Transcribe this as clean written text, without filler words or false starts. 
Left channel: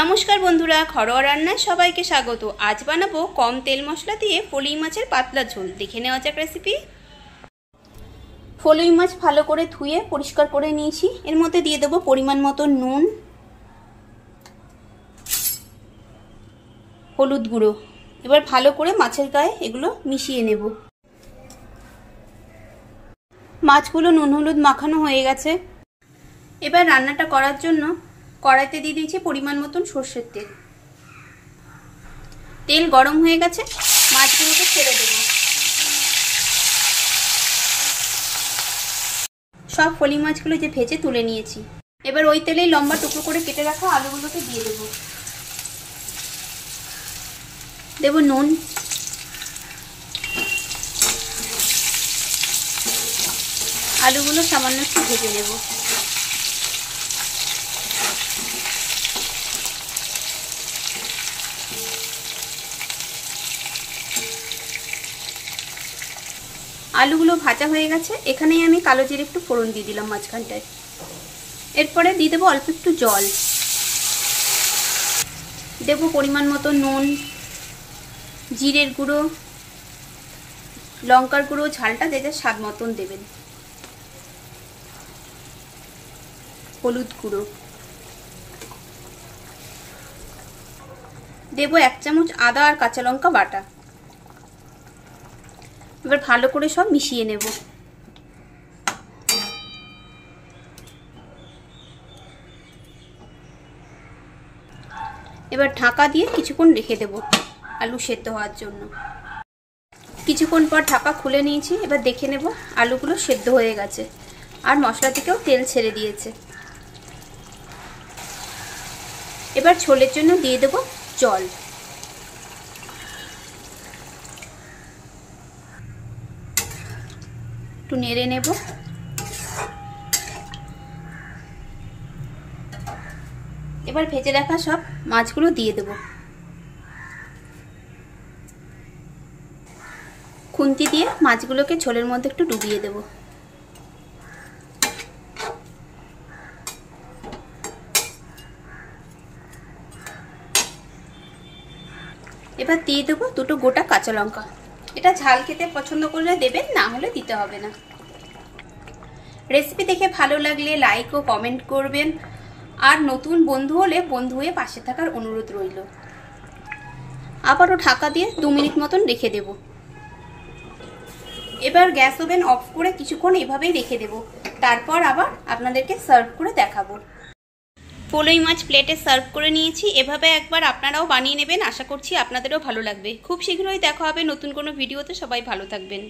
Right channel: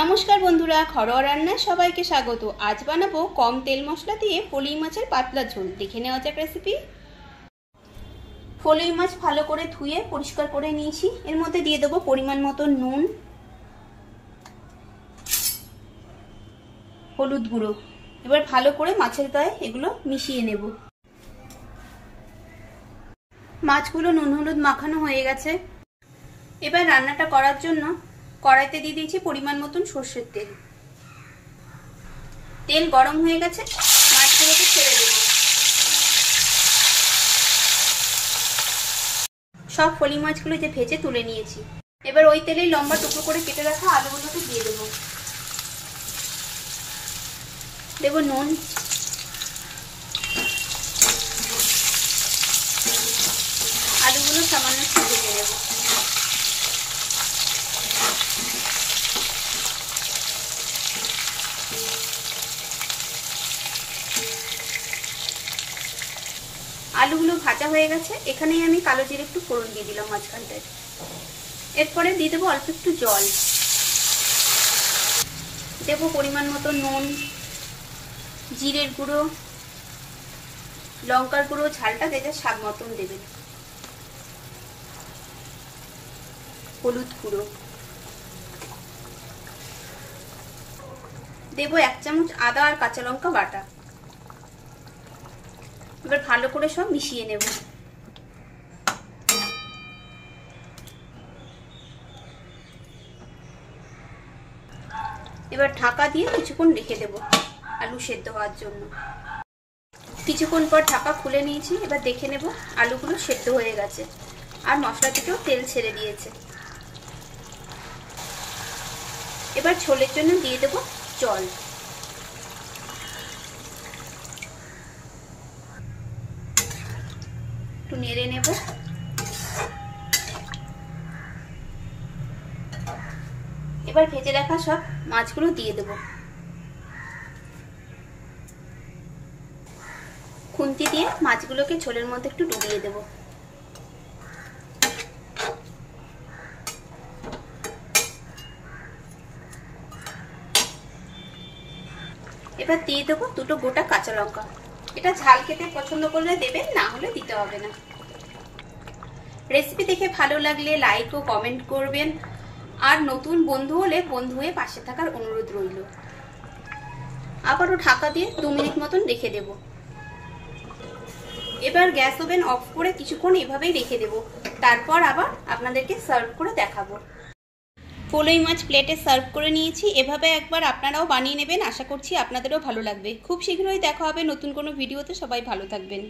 নমস্কার বন্ধুরা, ঘরোয়া রান্নায় সবাইকে স্বাগত। আজ বানাবো কম তেল মশলা দিয়ে ফলুই মাছের পাতলা ঝোল। দেখে নেওয়া যাক রেসিপি। ফলুই মাছ ভালো করে ধুয়ে পরিষ্কার করে নিয়েছি। এর মধ্যে দিয়ে দেবো পরিমাণ মতো নুন, হলুদ গুঁড়ো। এবার ভালো করে মাছের গায়ে এগুলো মিশিয়ে নেব। মাছগুলো নুন হলুদ মাখানো হয়ে গেছে। এবার রান্নাটা করার জন্য কড়াইতে দিয়ে দিয়েছি পরিমাণ মতন সর্ষের তেল। তেল গরম হয়ে গেছে, মাছগুলোকে ছেড়ে দেব। সব ফলি মাছগুলো যে ভেজে তুলে নিয়েছি। এবার ওই তেলেই লম্বা টুকরো করে কেটে রাখা আলুগুলোকে দিয়ে দেব। দেব নুন, আলুগুলো সামান্য একটু ভেজে নেব। আলুগুলো ভাজা হয়ে গেছে। এখানেই আমি কালো জিরে একটু ফোড়ন দিয়ে দিলাম মাঝখানটায়। এরপরে দিয়ে দেবো অল্প একটু জল, দেবো পরিমাণ মতো নুন, জিরের গুঁড়ো, লঙ্কার গুঁড়ো, ঝালটা দেখে স্বাদ মতন দেবেন, হলুদ গুঁড়ো, দেবো 1 চামচ আদা আর কাঁচা লঙ্কা বাটা। এবার ভালো করে সব মিশিয়ে নেব। এবার ঢাকা দিয়ে কিছুক্ষণ রেখে দেব আলু সেদ্ধ হওয়ার জন্য। কিছুক্ষণ পর ঢাকা খুলে নিয়েছি। এবার দেখে নেব আলুগুলো সেদ্ধ হয়ে গেছে আর মশলা থেকেও তেল ছেড়ে দিয়েছে। এবার ঝোলের জন্য দিয়ে দেব জল। একটু নেড়ে নেব। এবার ভেজে রাখা সব মাছগুলো দিয়ে দেব। খুন্তি দিয়ে মাছগুলোকে ঝোলের মধ্যে একটু ডুবিয়ে দেব। এবার দিয়ে দেবো 2টো গোটা কাঁচা লঙ্কা। এটা ঝাল খেতে পছন্দ করলে দেবেন, না হলে দিতে হবে না। রেসিপি দেখে ভালো লাগলে লাইক ও কমেন্ট করবেন। আর নতুন বন্ধু হলে বন্ধু হয়ে পাশে থাকার অনুরোধ রইল। আবারও ঢাকা দিয়ে 2 মিনিট মতন রেখে দেব। এবার গ্যাস ওভেন অফ করে কিছুক্ষণ এভাবেই রেখে দেব। তারপর আবার আপনাদেরকে সার্ভ করে দেখাবো। ফলুই মাছ প্লেটে সার্ভ করে নিয়েছি। এভাবে একবার আপনারাও বানিয়ে নেবেন। আশা করছি আপনাদেরও ভালো লাগবে। খুব শীঘ্রই দেখা হবে নতুন কোনো ভিডিওতে। সবাই ভালো থাকবেন।